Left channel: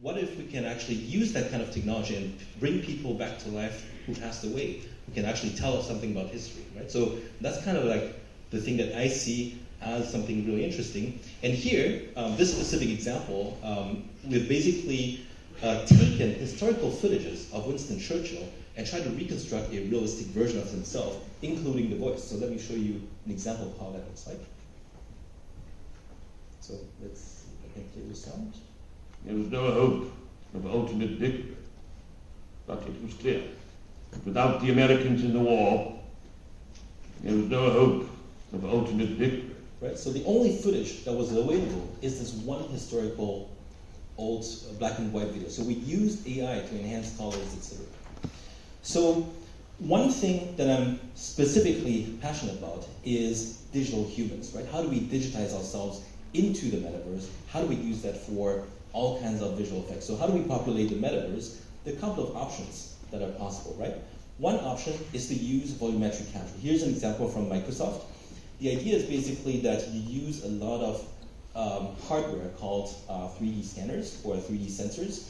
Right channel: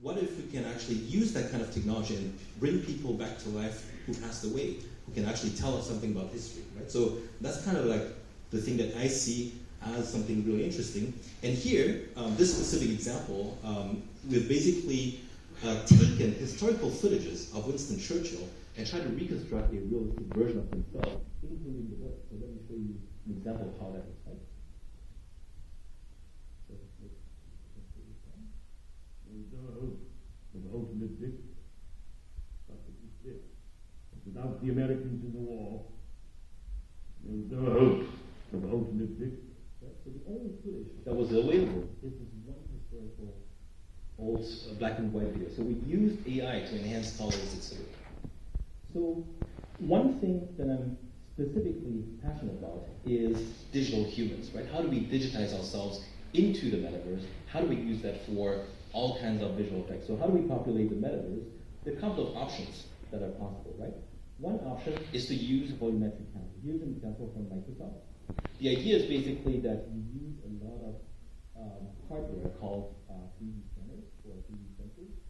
what if we can actually use that kind of technology and bring people back to life who passed away, who can actually tell us something about history, right? So that's kind of like the thing that I see as something really interesting. And here, this specific example, we've basically taken historical footages of Winston Churchill and tried to reconstruct a realistic version of himself, including the voice. So let me show you an example of how that looks like. So let's see if I can play the sound. There was no hope of ultimate victory, but it was clear that without the Americans in the war, there was no hope of ultimate victory. Right. So the only footage that was available is this one historical old black and white video. So we used AI to enhance colors, etc. So one thing that I'm specifically passionate about is digital humans, right? How do we digitize ourselves into the metaverse? How do we use that for all kinds of visual effects? So how do we populate the metaverse? There are a couple of options that are possible, right? One option is to use volumetric capture. Here's an example from Microsoft. The idea is basically that you use a lot of hardware called 3D scanners or 3D sensors.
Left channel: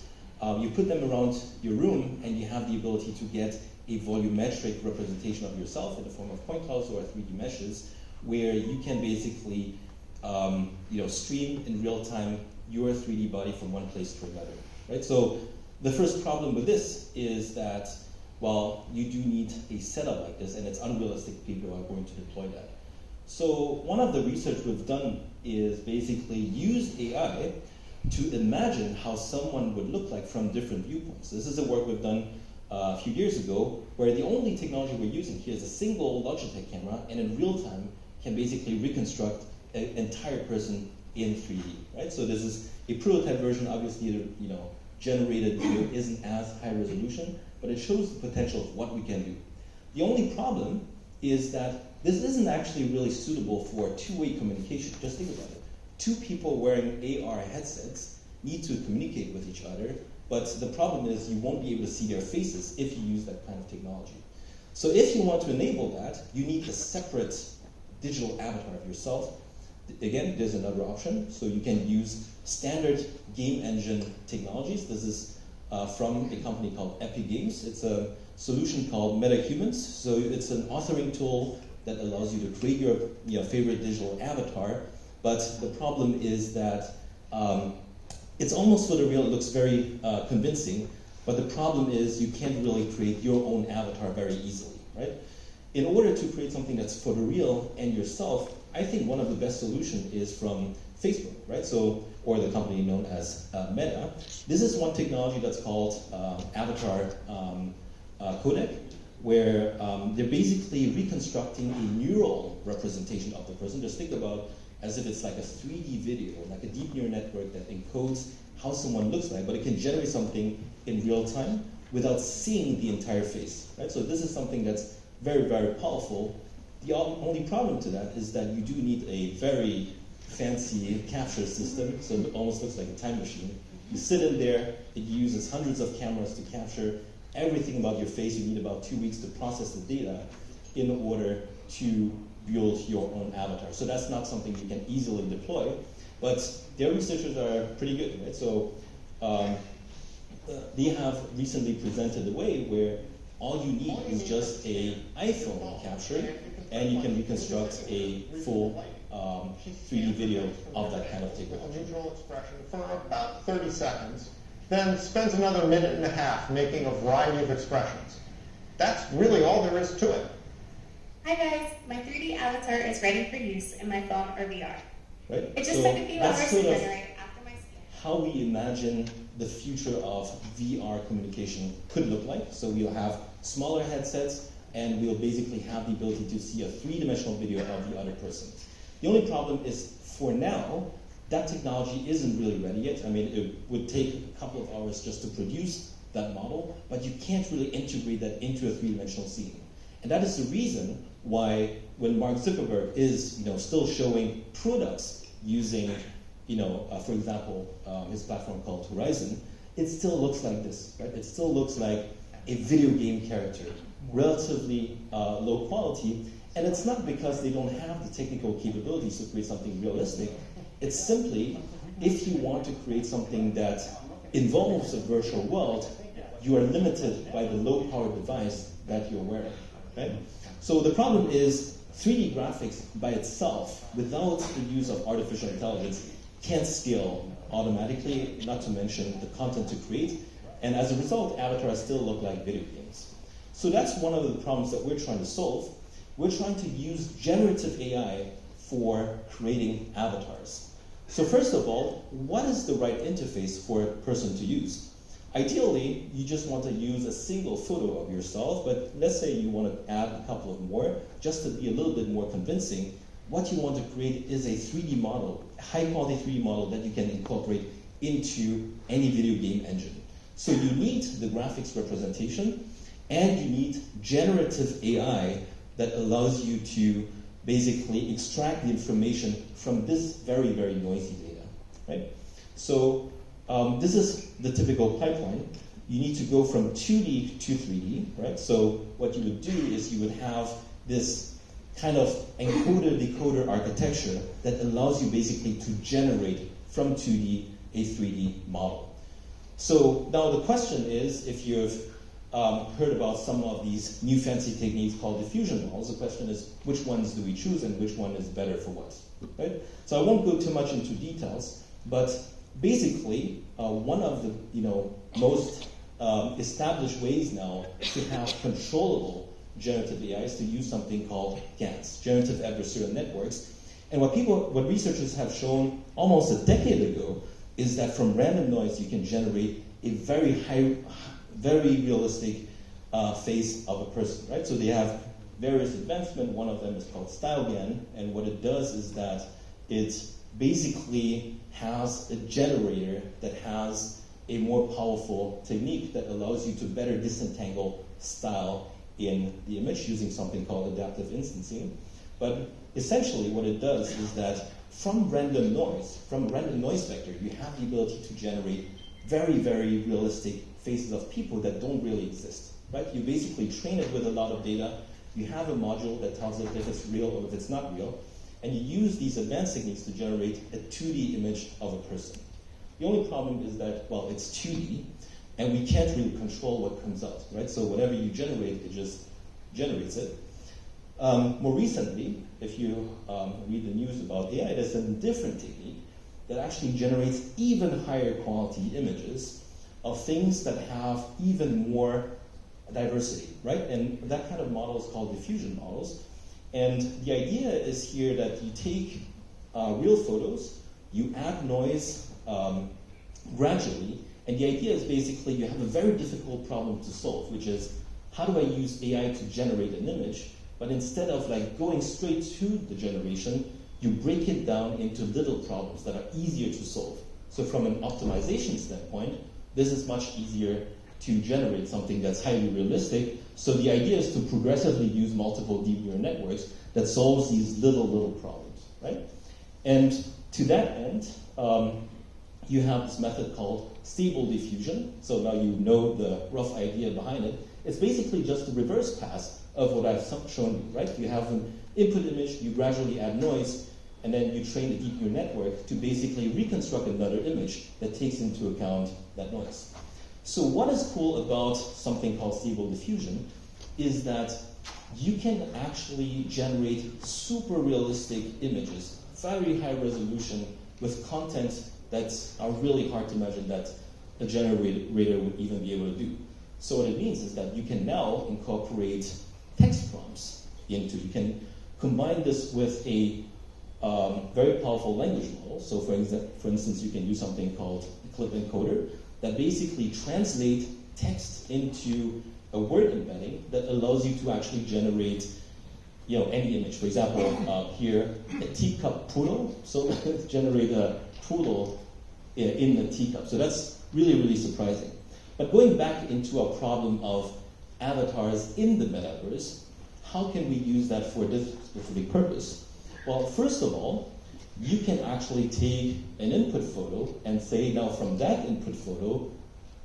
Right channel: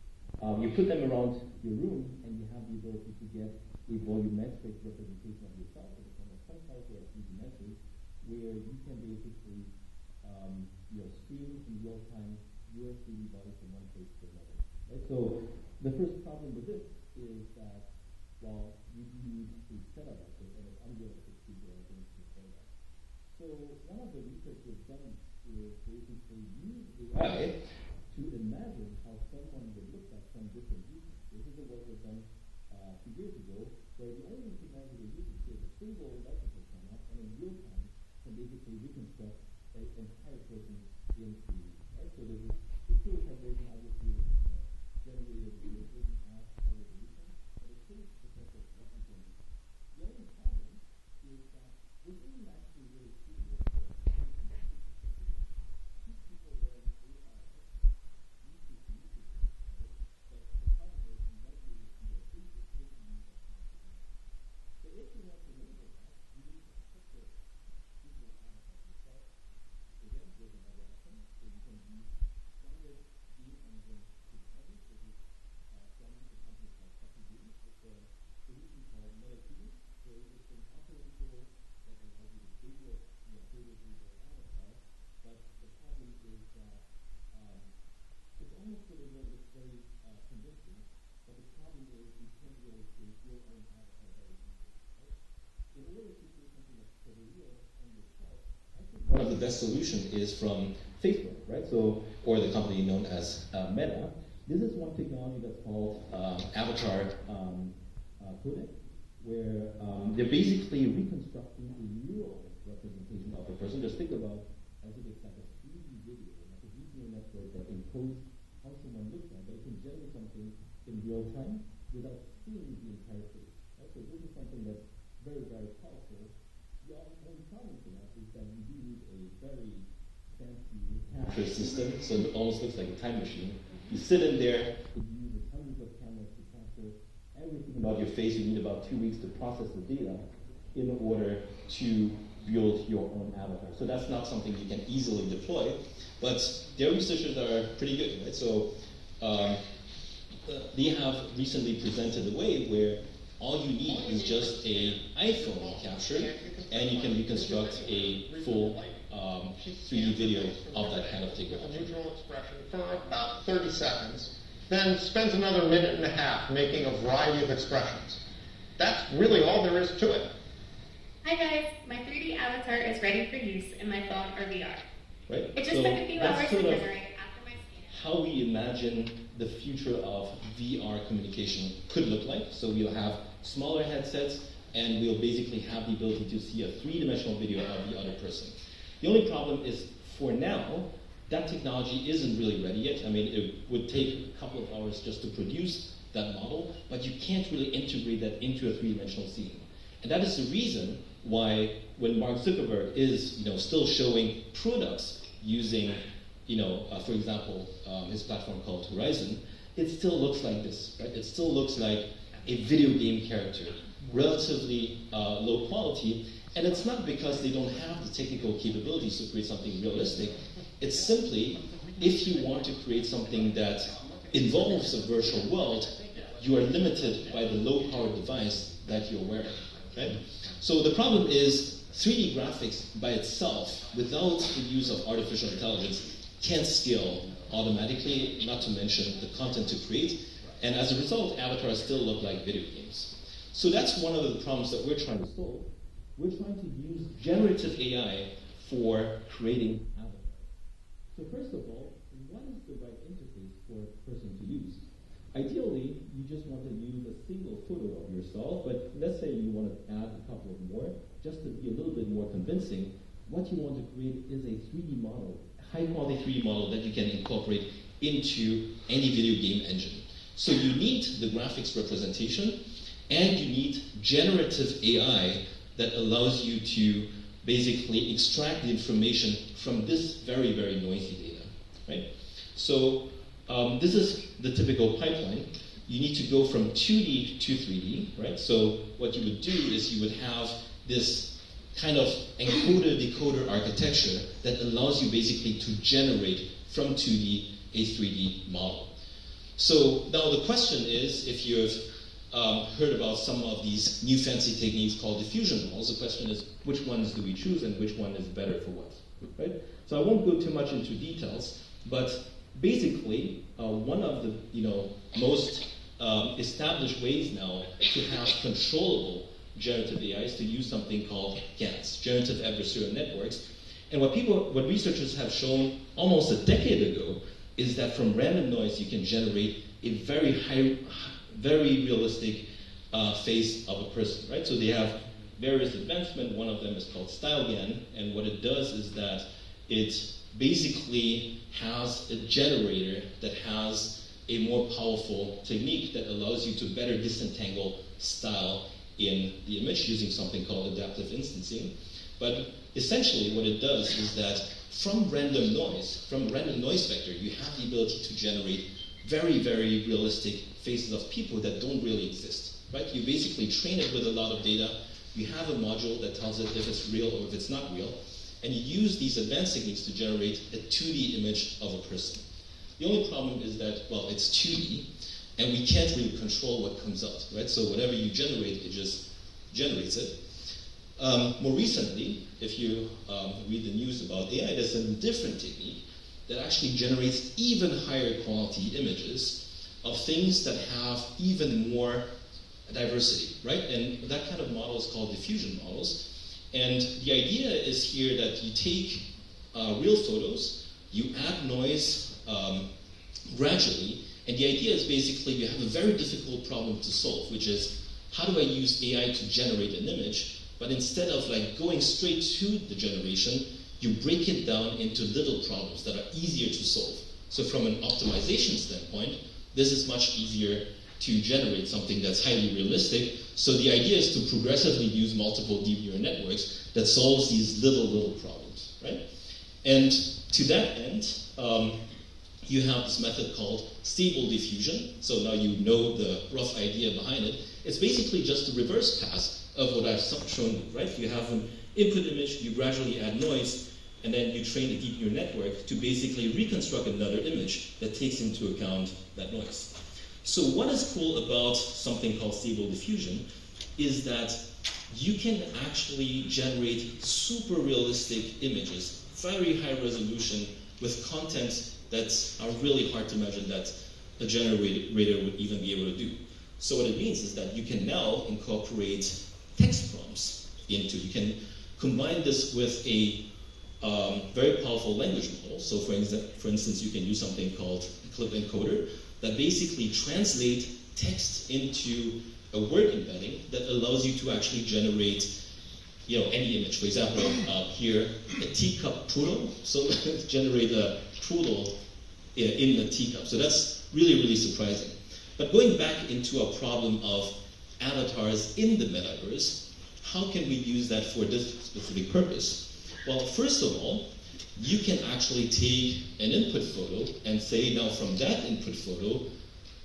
You put them around your room and you have the ability to get a volumetric representation of yourself in the form of point clouds or 3D meshes, where you can basically stream in real time your 3D body from one place to another, right? So the first problem with this is that, well, you do need a setup like this, and it's unrealistic people are going to deploy that. So one of the research we've done is basically use AI to imagine how someone would look like from different viewpoints. This is a work we've done a few years ago, where the only technology we're using here is a single Logitech camera, and in real time can basically reconstruct an entire person in 3D, right? So this is a prototype version. Obviously, the generated video isn't as high resolution, but it shows the potential of what we can do. The only problem is that this isn't actually really suitable for two-way communication. Just think about it. Two people wearing AR headsets need to communicate with each other, but the problem is you won't be able to see their faces if you use that kind of technology. So if you want to enable that, you need a separate digital avatar of yourself. Again, there's another option. So you can use standard game engine technologies. This is from a company called Epic Games. It's a solution called MetaHumans. So it's an authoring tool that allows you to create your favorite digital avatar. But the problem is that it's almost photoreal. It looks very convincing. But the problem is you can't really create your own avatar very easily, right? In order to create something that's photoreal and yourself, I think one of the best solutions is from Facebook, right? So, or the company known as Meta. This is one technology that's called Avatar Codec, where they're basically reconstructing a neural representation of the person. Just think about as if it's like a 3D video, like a deep neural network that encodes how someone looks like, but it can generate something in real time without seeing the entire face, right? So this is something that's very, very powerful. The only problem to that is that you do need a very fancy capture system, so it almost looks like a time machine. You sit in there, it uses hundreds of cameras to capture everything about your face. You need about 2 weeks to process the data in order to build your own avatar. So that's not something you can easily deploy, but their researchers are pretty good, right? So they have recently presented a way where all you need is just an iPhone capture, and you can reconstruct a full 3D video of that kind of technology. Neutral expression for about 30 seconds, then spends another minute and a half making a variety of expressions. That's really all there is to it. Hi guys, my 3D avatar is ready for use in my phone or VR. Right? It just took a few hours to generate after my scan. How we imagine the future of VR communication could look like. So we'll have smaller headsets, and we'll basically have the ability to see a three-dimensional video of the other person. The only problem is, for now, that technology isn't really ready yet. I mean, it would take a couple of hours just to produce that model, but you can't really integrate that into a three-dimensional scene. And that is the reason why when Mark Zuckerberg is still showing products using, for example, his platform called Horizon, it still looks like this, right? It still looks like a video game character, relatively low quality, and it's not because they don't have the technical capabilities to create something realistic. It's simply, if you want to create something that involves a virtual world, you are limited by the low-power device that you're wearing. Right? So the problem is 3D graphics by itself, without the use of artificial intelligence, can't scale automatically, not to mention the content to create, and as a result, avatars still look like video games. So that's one of the problems that we're trying to solve. We're trying to use generative AI for creating avatars. So first of all, what is the right interface for a person to use? Ideally, you just want to use a single photo of yourself, but let's say you want to add a couple of more, just to be a little bit more convincing. What you want to create is a 3D model, a high-quality 3D model that you can incorporate into any video game engine. So you need the graphics representation, and you need generative AI that allows you to basically extract the information from this very, very noisy data, right? So this is the typical pipeline. You need to go from 2D to 3D, right? So what you would do is you would have this kind of encoder-decoder architecture that allows you basically to generate from 2D a 3D model. So now the question is, if you've heard about some of these new fancy techniques called diffusion models, the question is, which ones do we choose and which one is better for what, right? So I won't go too much into details, but basically, one of the most established ways now to have controllable generative AI is to use something called GANs, generative adversarial networks. And what researchers have shown almost a decade ago is that from random noise you can generate a very realistic face of a person, right? So they have various advancements. One of them is called StyleGAN, and what it does is that it basically has a generator that has a more powerful technique that allows you to better disentangle style in the image using something called adaptive instancing. But essentially what it does is that from random noise vector, you have the ability to generate very, very realistic faces of people that don't really exist, right? You basically train it with a lot of data. You have a module that tells it if it's real or if it's not real, and you use these advanced techniques to generate a 2D image of a person. The only problem is that, well, it's 2D, and we can't really control what comes out, right? So whatever you generate, it just generates it. More recently, if you read the news about AI, there's a different technique that actually generates even higher quality images of things that have even more diversity, right? And that kind of model is called diffusion models. And the idea is here that you take real photos, you add noise gradually, and the idea is basically you have a very difficult problem to solve, which is how do I use AI to generate an image, but instead of like going straight to the generation, you break it down into little problems that are easier to solve. So from an optimization standpoint, this is much easier to generate something that's highly realistic. So the idea is to progressively use multiple deep neural networks that solves these little problems, right? And to that end, you have this method called stable diffusion. So now you know the rough idea behind it. It's basically just the reverse pass of what I've shown you, right? You have an input image, you gradually add noise, and then you train a deep neural network to basically reconstruct another image that takes into account that noise. So what is cool about something called stable diffusion is that you can actually generate super realistic images, very high resolution, with content that's really hard to imagine that a generator would even be able to do. So what it means is that you can now incorporate text prompts into, you can combine this with a very powerful language model. So for instance, you can use something called Clip Encoder that basically translate text into a word embedding that allows you to actually generate any image. For example, here, a teacup poodle. So let's generate a poodle in a teacup. So that's really surprising. But going back into our problem of avatars in the metaverse, how can we use that for this specific purpose? Well, first of all, you can actually take an input photo and say, now from that input photo,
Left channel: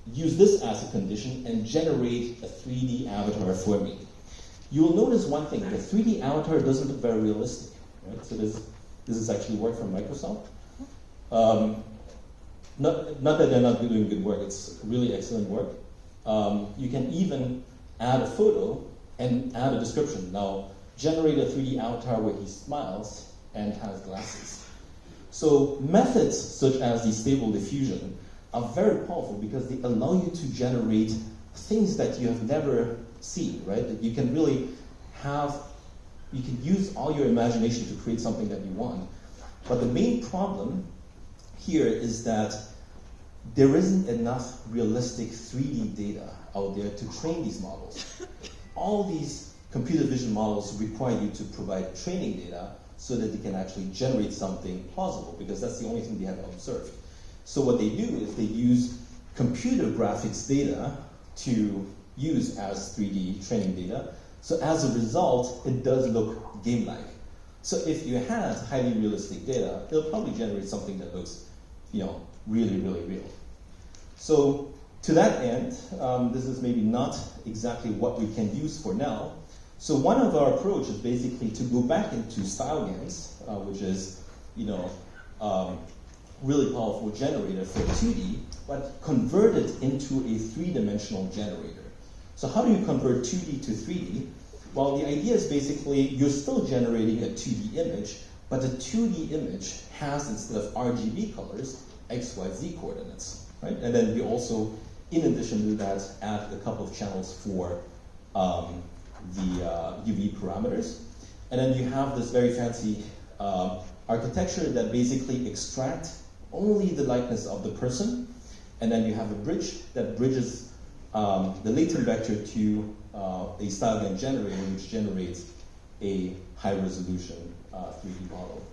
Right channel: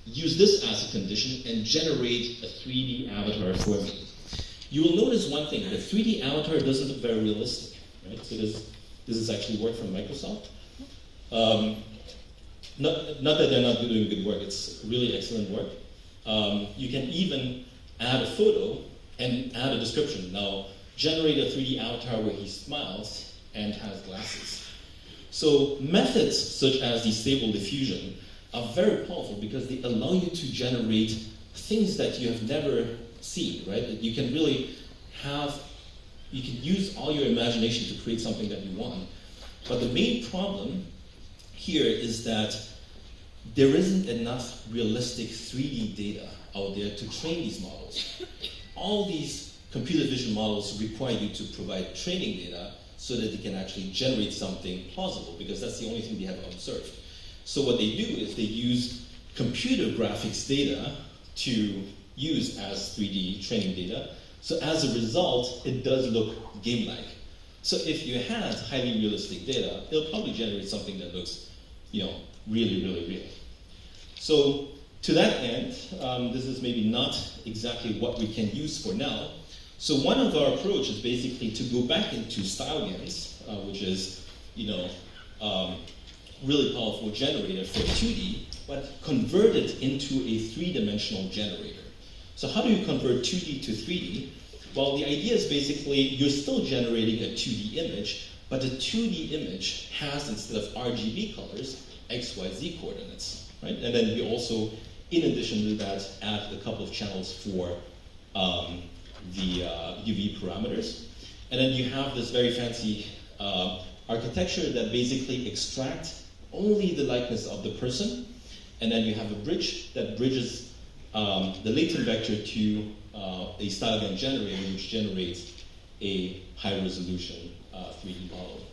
use this as a condition and generate a 3D avatar for me. You will notice one thing, the 3D avatar doesn't look very realistic, right? So this is actually work from Microsoft. not that they're not doing good work, it's really excellent work. You can even add a photo and add a description. Now, generate a 3D avatar where he smiles and has glasses. So methods such as the Stable Diffusion are very powerful because they allow you to generate things that you have never seen, right? That you can really you can use all your imagination to create something that you want. But the main problem here is that there isn't enough realistic 3D data out there to train these models. All these computer vision models require you to provide training data so that they can actually generate something plausible, because that's the only thing they have observed. So what they do is they use computer graphics data to use as 3D training data. So as a result, it does look game-like. So if you had highly realistic data, it'll probably generate something that looks, really, really real. So to that end, this is maybe not exactly what we can use for now. So one of our approach is basically to go back into StyleGANs, which is, really powerful generator for 2D, but convert it into a three-dimensional generator. So how do you convert 2D to 3D? Well, the idea is basically you're still generating a 2D image, but the 2D image has, instead of RGB colors, X, Y, Z coordinates, right? And then we also, in addition to that, add a couple of channels for the UV parameters. And then you have this very fancy architecture that basically extracts only the likeness of the person, and then you have a bridge that bridges the latent vector to a StyleGAN generator, which generates a high-resolution 3D model.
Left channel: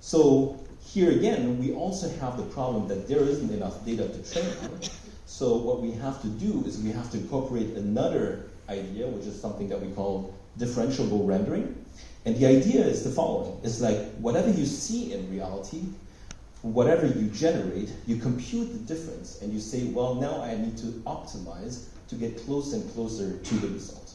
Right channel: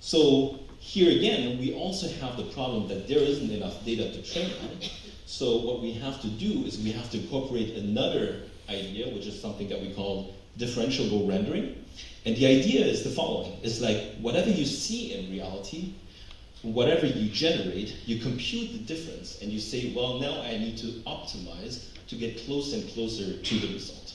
So here again, we also have the problem that there isn't enough data to train on. So what we have to do is we have to incorporate another idea, which is something that we call differentiable rendering. And the idea is the following. It's like whatever you see in reality, whatever you generate, you compute the difference and you say, well, now I need to optimize to get closer and closer to the result.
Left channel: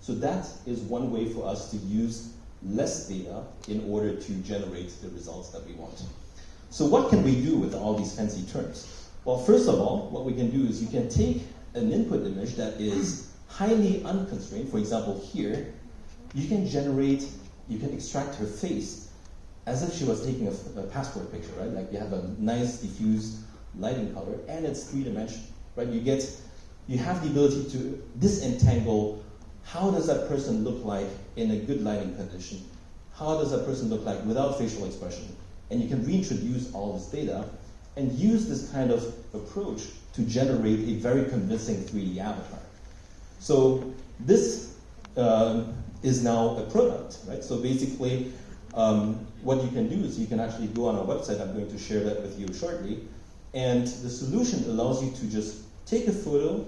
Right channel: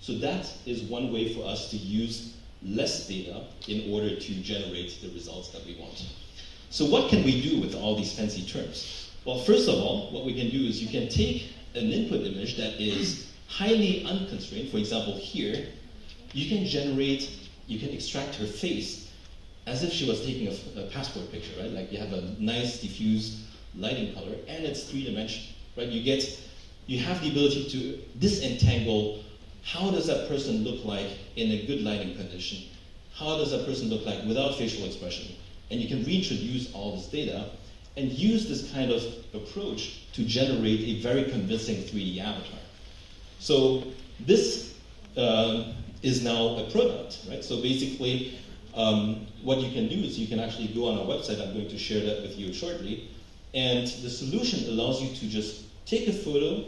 So that is one way for us to use less data in order to generate the results that we want. So what can we do with all these fancy terms? Well, first of all, what we can do is you can take an input image that is highly unconstrained. For example, here, you can extract her face as if she was taking a passport picture, right? Like you have a nice diffuse lighting color, and it's three-dimensional, right? You have the ability to disentangle how does that person look like in a good lighting condition? How does that person look like without facial expression? And you can reintroduce all this data and use this kind of approach to generate a very convincing 3D avatar. So this is now a product, right? So basically, what you can do is you can actually go on our website. I'm going to share that with you shortly. And the solution allows you to just take a photo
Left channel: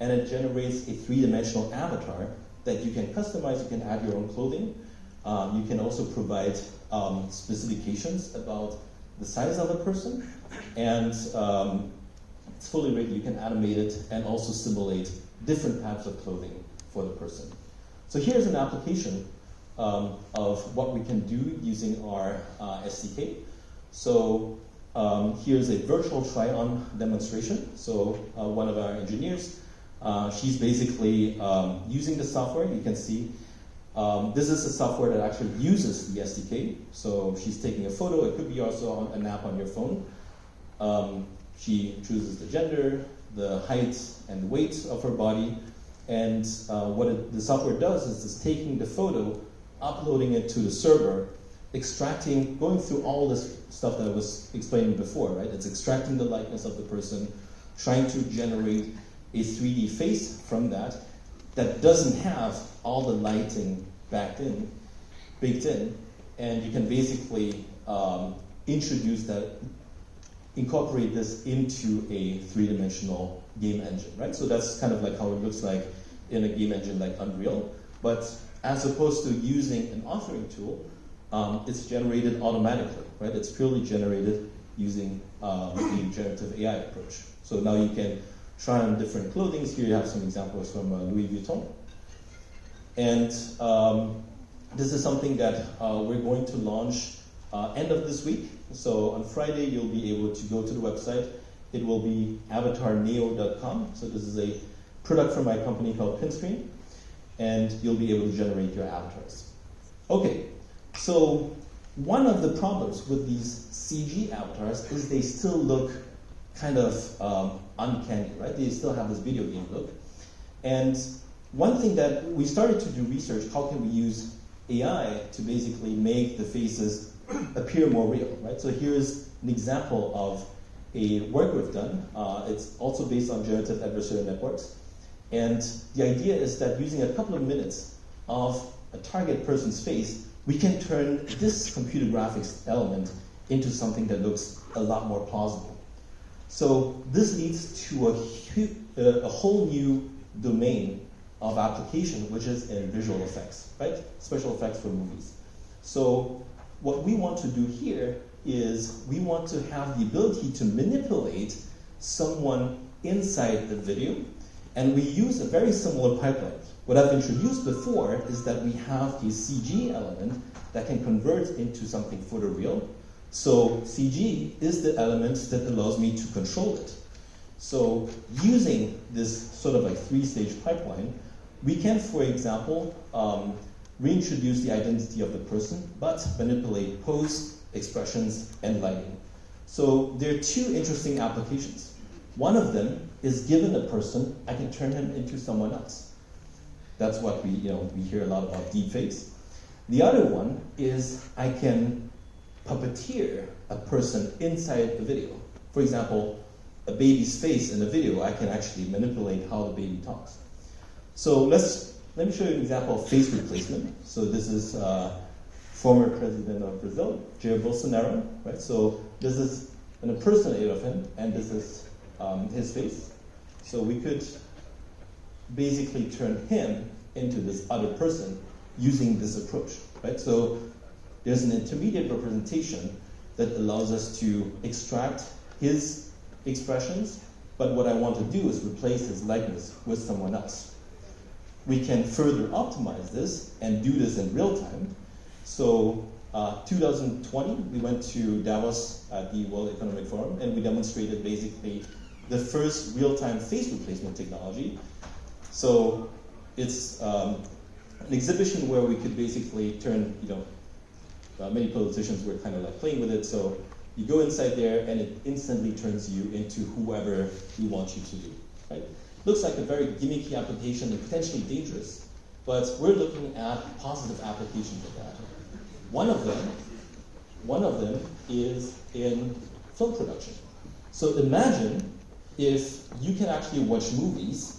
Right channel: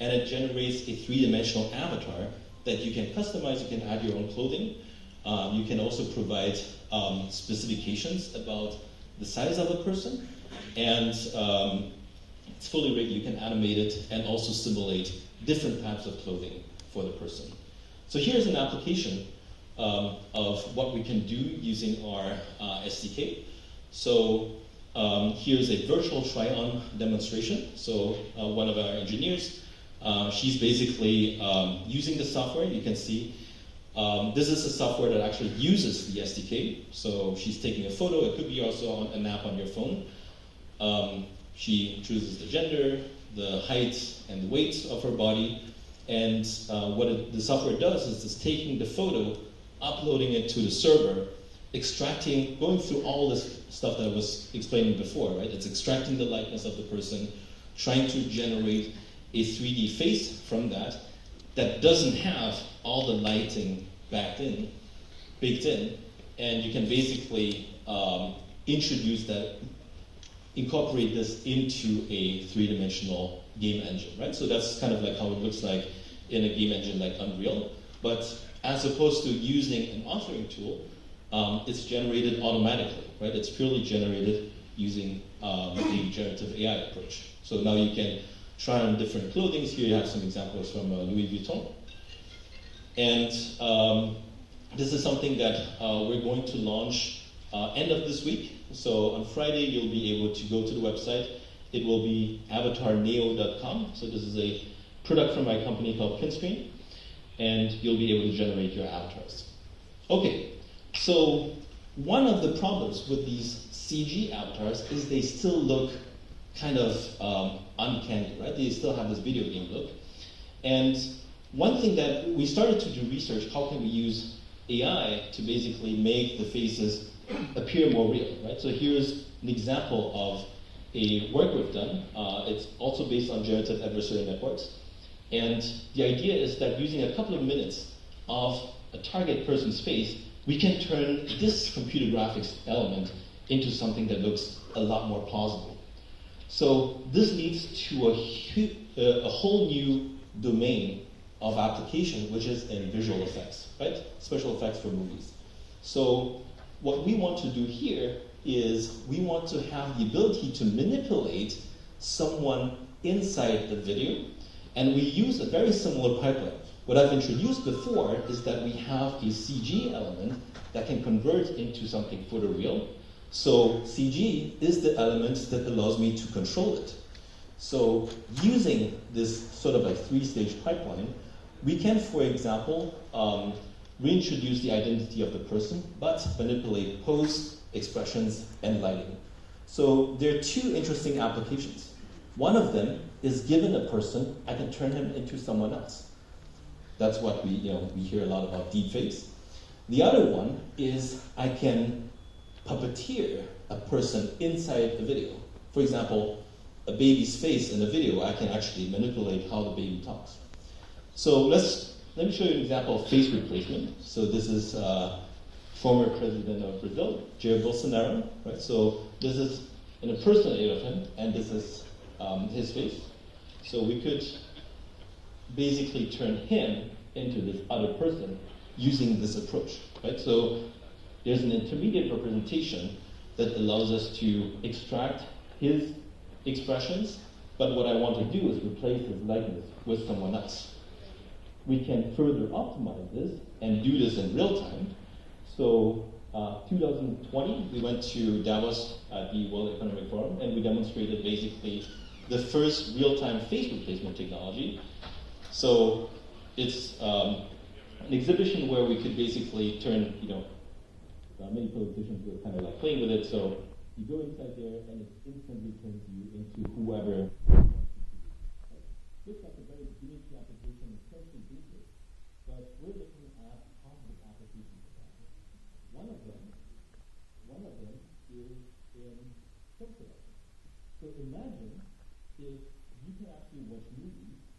and it generates a three-dimensional avatar that you can customize. You can add your own clothing. You can also provide specifications about the size of a person. And it's fully rigged. You can animate it and also simulate different types of clothing for the person. So here's an application of what we can do using our SDK. So here's a virtual try-on demonstration. So one of our engineers, she's basically using the software. You can see this is a software that actually uses the SDK. So she's taking a photo. It could be also an app on your phone. She chooses the gender, the height, and the weight of her body. And what the software does is it's taking the photo, uploading it to the server, extracting, going through all this stuff that I was explaining before, right? It's extracting the likeness of the person, trying to generate a 3D face from that doesn't have all the lighting baked in, and you can basically incorporate this into a three-dimensional game engine, right? So that's kind of like how it looks like in a game engine like Unreal, but as opposed to using an authoring tool, it's generated automatically, right? It's purely generated using the generative AI approach. So now you can try on different clothing. Here you have some examples from Louis Vuitton. And this is something that we're going to launch end of this week. So on Friday, you'll be able to go to the website. It will be avatarneo.com. So this is a product from my company called Pinscreen, and you'll be able to generate your avatars. Okay, so one of the problems with these CG avatars is they still look kind of uncanny, right? They still have this video game look. And one thing that we started to do research, how can we use AI to basically make the faces appear more real, right? So here's an example of a work we've done. It's also based on generative adversarial networks. And the idea is that using a couple of minutes of a target person's face, we can turn this computer graphics element into something that looks a lot more plausible. So this leads to a whole new domain of application, which is in visual effects, right? Special effects for movies. So what we want to do here is we want to have the ability to manipulate someone inside the video, and we use a very similar pipeline. What I've introduced before is that we have a CG element that can convert into something photoreal. So CG is the element that allows me to control it. So using this sort of like three-stage pipeline, we can, for example, reintroduce the identity of the person, but manipulate pose, expressions, and lighting. So there are two interesting applications. One of them is given a person, I can turn him into someone else. That's what we hear a lot about deepfakes. The other one is I can puppeteer a person inside the video. For example, a baby's face in a video, I can actually manipulate how the baby talks. So let me show you an example of face replacement. So this is former president of Brazil, Jair Bolsonaro, right? So this is an impersonator of him, and this is his face. So we could basically turn him into this other person using this approach, right? So there's an intermediate representation that allows us to extract his expressions, but what I want to do is replace his likeness with someone else. We can further optimize this and do this in real time. So 2020, we went to Davos at the World Economic Forum, and we demonstrated basically the first real-time face replacement technology. So it's an exhibition where we could basically turn, many politicians were kind of like playing with it. So you go inside there, and it instantly turns you into whoever we want you to be, right? Looks like a very gimmicky application and potentially dangerous, but we're looking at positive applications of that. One of them is in film production. So imagine if you can actually watch movies,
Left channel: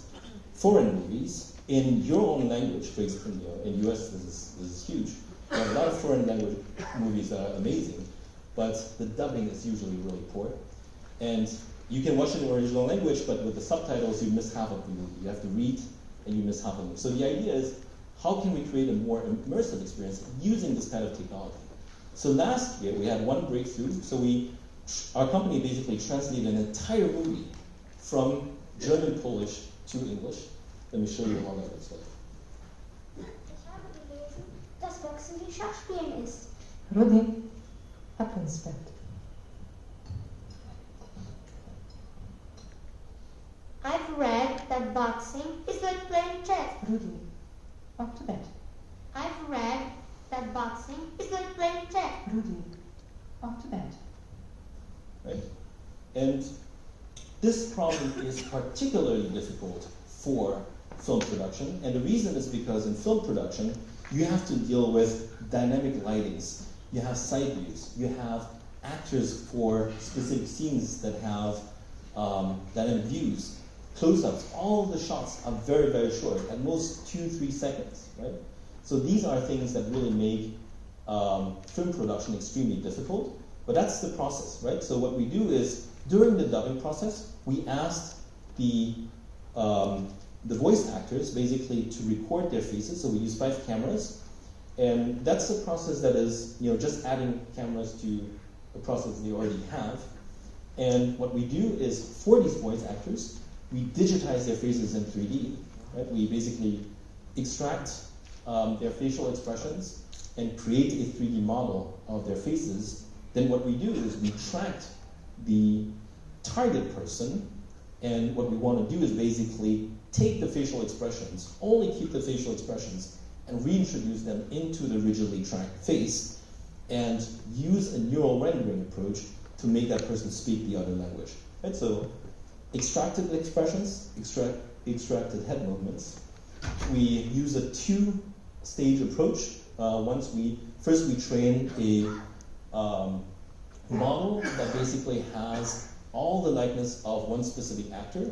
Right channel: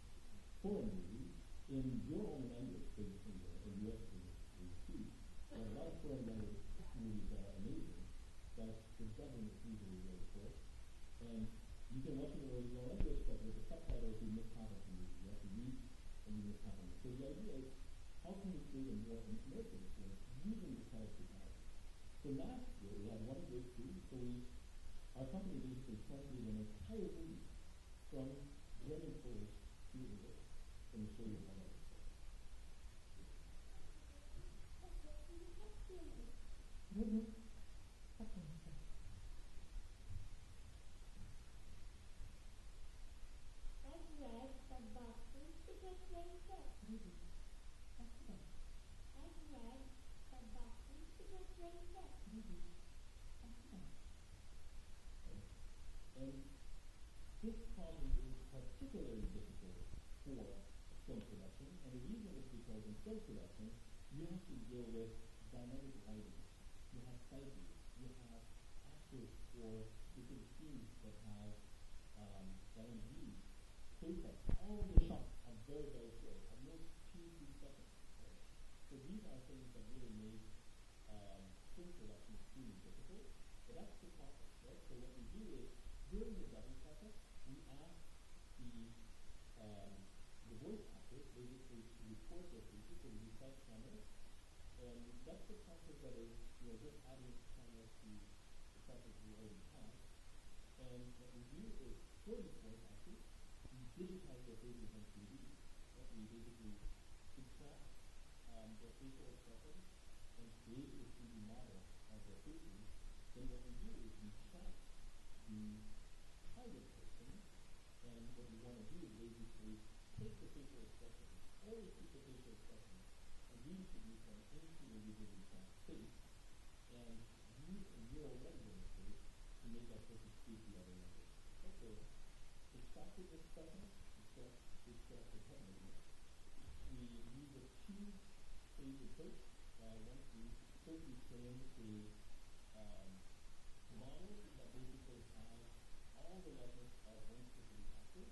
foreign movies, in your own language. For example, in the US, this is huge. A lot of foreign language movies are amazing, but the dubbing is usually really poor. And you can watch it in original language, but with the subtitles, you miss half of the movie. You have to read, and you miss half of it. So the idea is, how can we create a more immersive experience using this kind of technology? So last year, we had one breakthrough. So our company basically translated an entire movie from German Polish to English. Let me show you how that looks like. Ich habe gelesen, dass Boxen wie Schachspielen ist. Rudi, ab ins Bett. I've read that boxing is like playing chess. Rudi, up to bed. I've read that boxing is like playing chess. Rudi, up to bed. Right? And this problem is particularly difficult for film production, and the reason is because in film production, you have to deal with dynamic lightings, you have side views, you have actors for specific scenes that have dynamic views, close-ups. All of the shots are very, very short, at most 2-3 seconds, right? So these are things that really make film production extremely difficult, but that's the process, right? So what we do is, during the dubbing process, we asked the voice actors basically to record their faces. So we use 5 cameras, and that's a process that is just adding cameras to the process they already have. And what we do is, for these voice actors, we digitize their faces in 3D. Right? We basically extract their facial expressions and create a 3D model of their faces then what we do is we tracked the target person, and what we want to do is basically take the facial expressions, only keep the facial expressions, and reintroduce them into the rigidly tracked face, and use a neural rendering approach to make that person speak the other language. Right? So extracted expressions, extracted head movements. We use a two-stage approach. First we train a model that basically has all the likeness of one specific actor,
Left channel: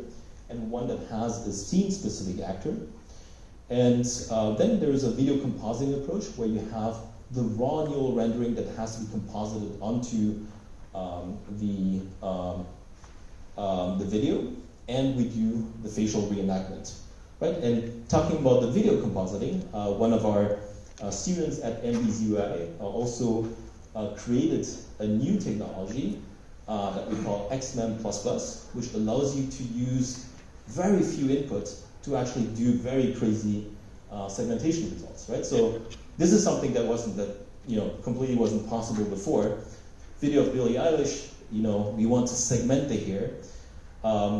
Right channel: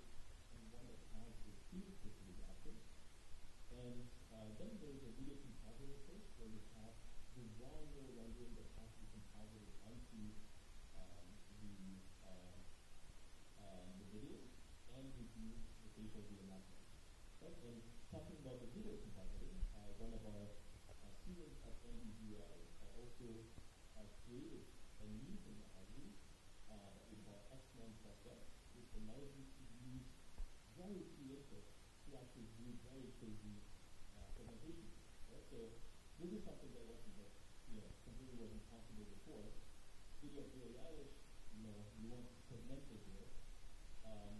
and one that has a scene-specific actor. And then there is a video compositing approach where you have the raw neural rendering that has to be composited onto the video, and we do the facial reenactment. Right? And talking about the video compositing, one of our students at MBZUI also created a new technology that we call XMEM++, which allows you to use very few inputs to actually do very crazy segmentation results, right? So this is something that completely wasn't possible before. Video of Billie Eilish, we want to segment the hair.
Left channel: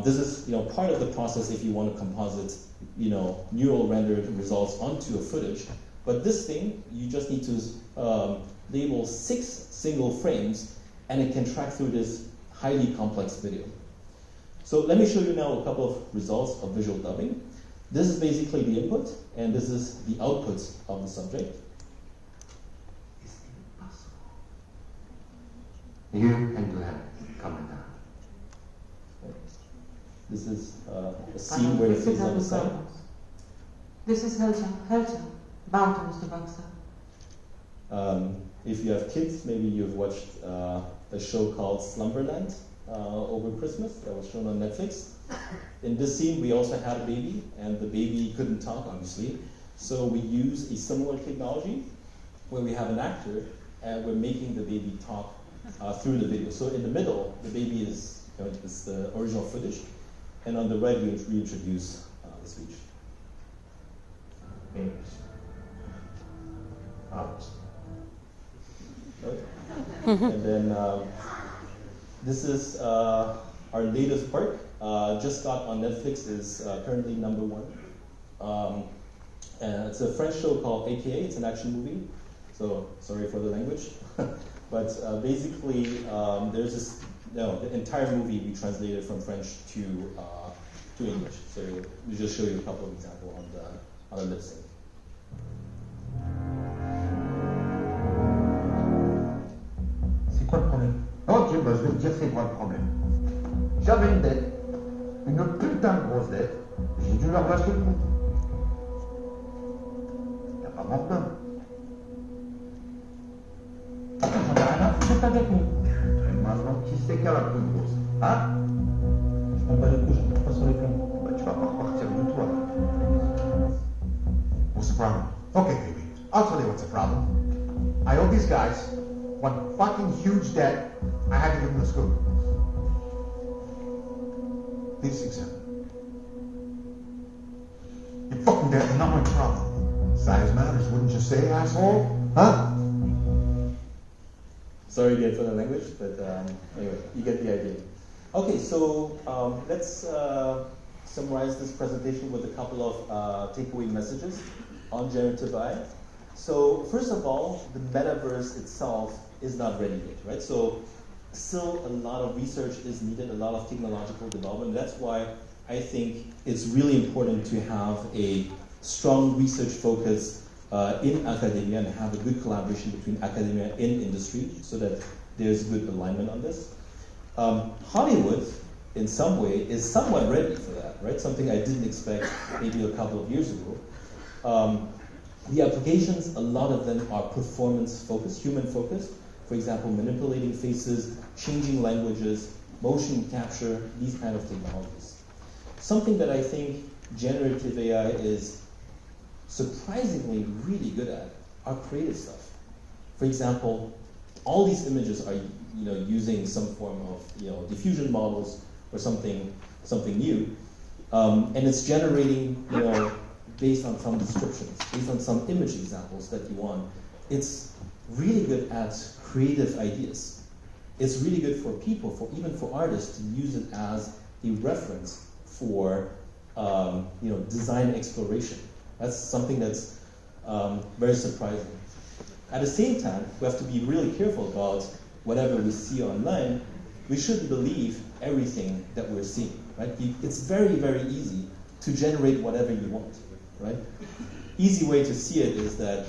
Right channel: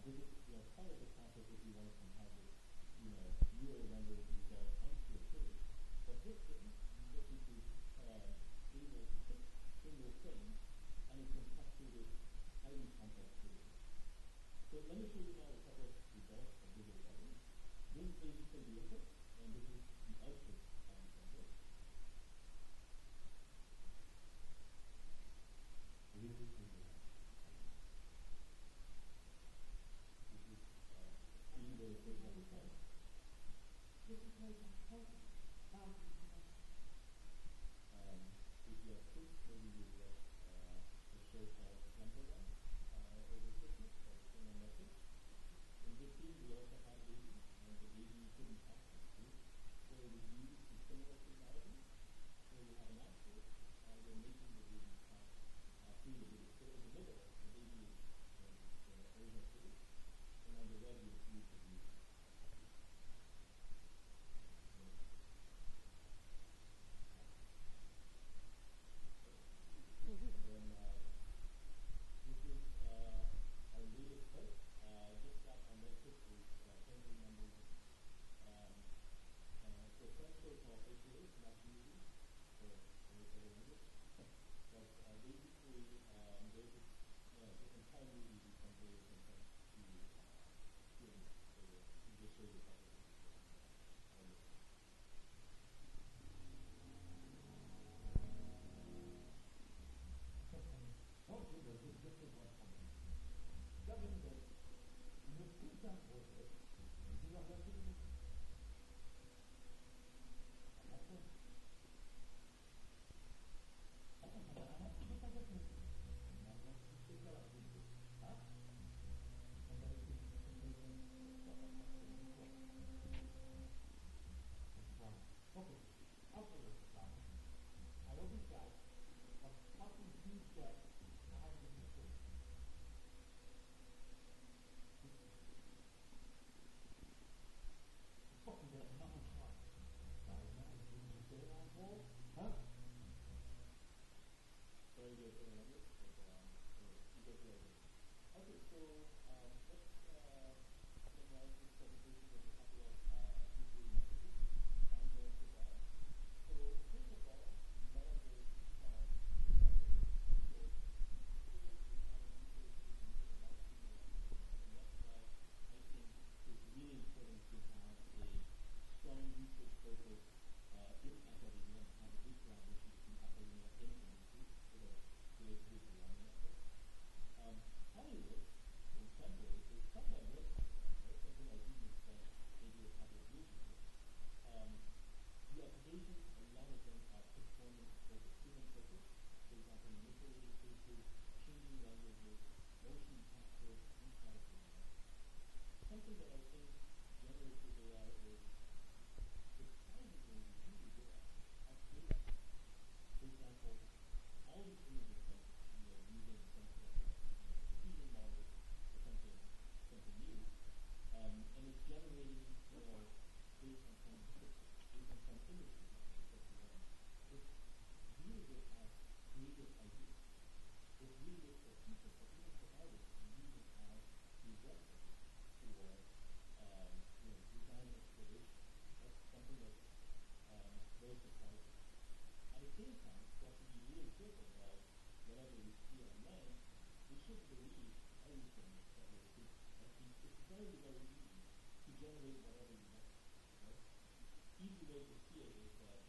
This is part of the process if you want to composite neural rendered results onto a footage. But this thing, you just need to label 6 single frames, and it can track through this highly complex video. So let me show you now a couple of results of visual dubbing. This is basically the input, and this is the output of the subject. You can do that. Come down. This is a scene where it is on the side. This is Helter. Buiten is the backside. If you have kids, maybe you've watched a show called Slumberland over Christmas that was shown on Netflix. In this scene, we also had a baby, and the baby couldn't talk, obviously. So we use a similar technology where we have an actor, and we're making the baby talk through the video. So in the middle, the baby is the original footage, and on the right, we reintroduce the speech. Right? And then this is our latest part. Just got on Netflix, is currently #1. And it's a French show called AKA. It's an action movie, so sorry for the language. But basically, there's this. No, the entire movie we translated from French to English. So we just show you a couple of examples on the lip sync. C'est quoi le problème? Ok, bah je vais te dire c'est quoi le problème. J'avais une dette, une putain de grosse dette, j'ai dû leur lâcher le compte. Y'a pas mort d'homme. Attends, j'en ai rien à foutre de ta dette, moi. Et maintenant, qui c'est qui a la plus grosse? Hein? Je m'en bats les couilles, je ne pas sur les plombs. Bah tu vas pas repartir du tout, alors. What's the problem? Okay, baby, I'll tell you what's the problem. I owe these guys one fucking huge debt. I had to give them the scoop. This example. Your fucking debt is not my problem. Size matters, wouldn't you say, asshole? Huh? Sorry again for the language, but anyway, you get the idea. Okay, so let's summarize this presentation with a couple of takeaway messages on generative AI. So first of all, the metaverse itself is not ready yet, right? So still a lot of research is needed, a lot of technological development. That's why I think it's really important to have a strong research focus in academia and have a good collaboration between academia and industry so that there's good alignment on this. Hollywood, in some way, is somewhat ready for that, right? Something I didn't expect maybe a couple of years ago. The applications, a lot of them are performance-focused, human-focused. For example, manipulating faces, changing languages, motion capture, these kind of technologies. Something that I think generative AI is surprisingly really good at are creative stuff. For example, all these images are using some form of diffusion models or something new, and it's generating based on some descriptions, based on some image examples that you want. It's really good at creative ideas. it's really good for people, even for artists, to use it as a reference for design exploration. That's something that's very surprising. At the same time, we have to be really careful about whatever we see online. We shouldn't believe everything that we're seeing, right? It's very, very easy to generate whatever you want, right? Easy way to see it is that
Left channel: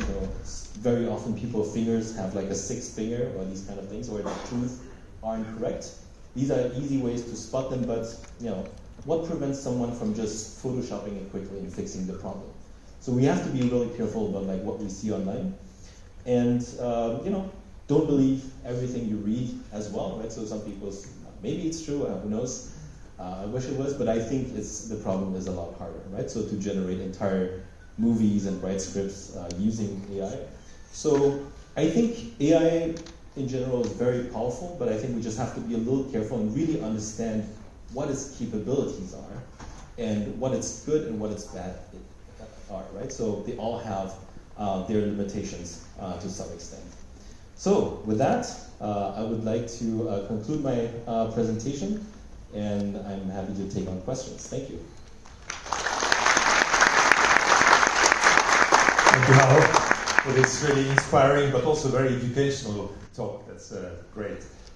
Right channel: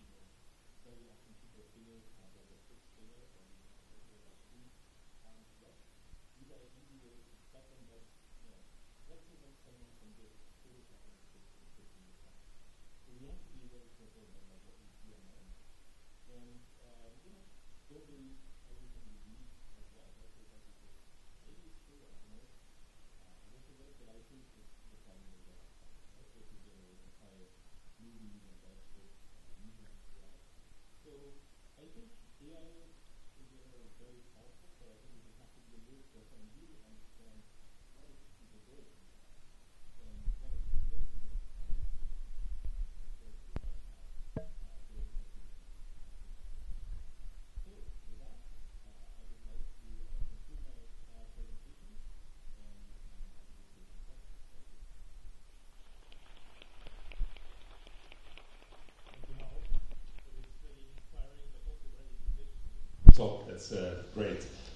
very often people's fingers have like a sixth finger or these kind of things, or the truth are incorrect. These are easy ways to spot them, but what prevents someone from just photoshopping it quickly and fixing the problem? So we have to be really careful about like what we see online, and don't believe everything you read as well, right? So some people, maybe it's true, who knows? I wish it was, but I think the problem is a lot harder, right? So to generate entire movies and write scripts using AI. So I think AI in general is very powerful, but I think we just have to be a little careful and really understand what its capabilities are and what its good and what its bad are, right? So they all have their limitations to some extent. So with that, I would like to conclude my presentation, and I'm happy to take on questions. Thank you. Thank you, Harold, for this really inspiring but also very educational talk. That's great.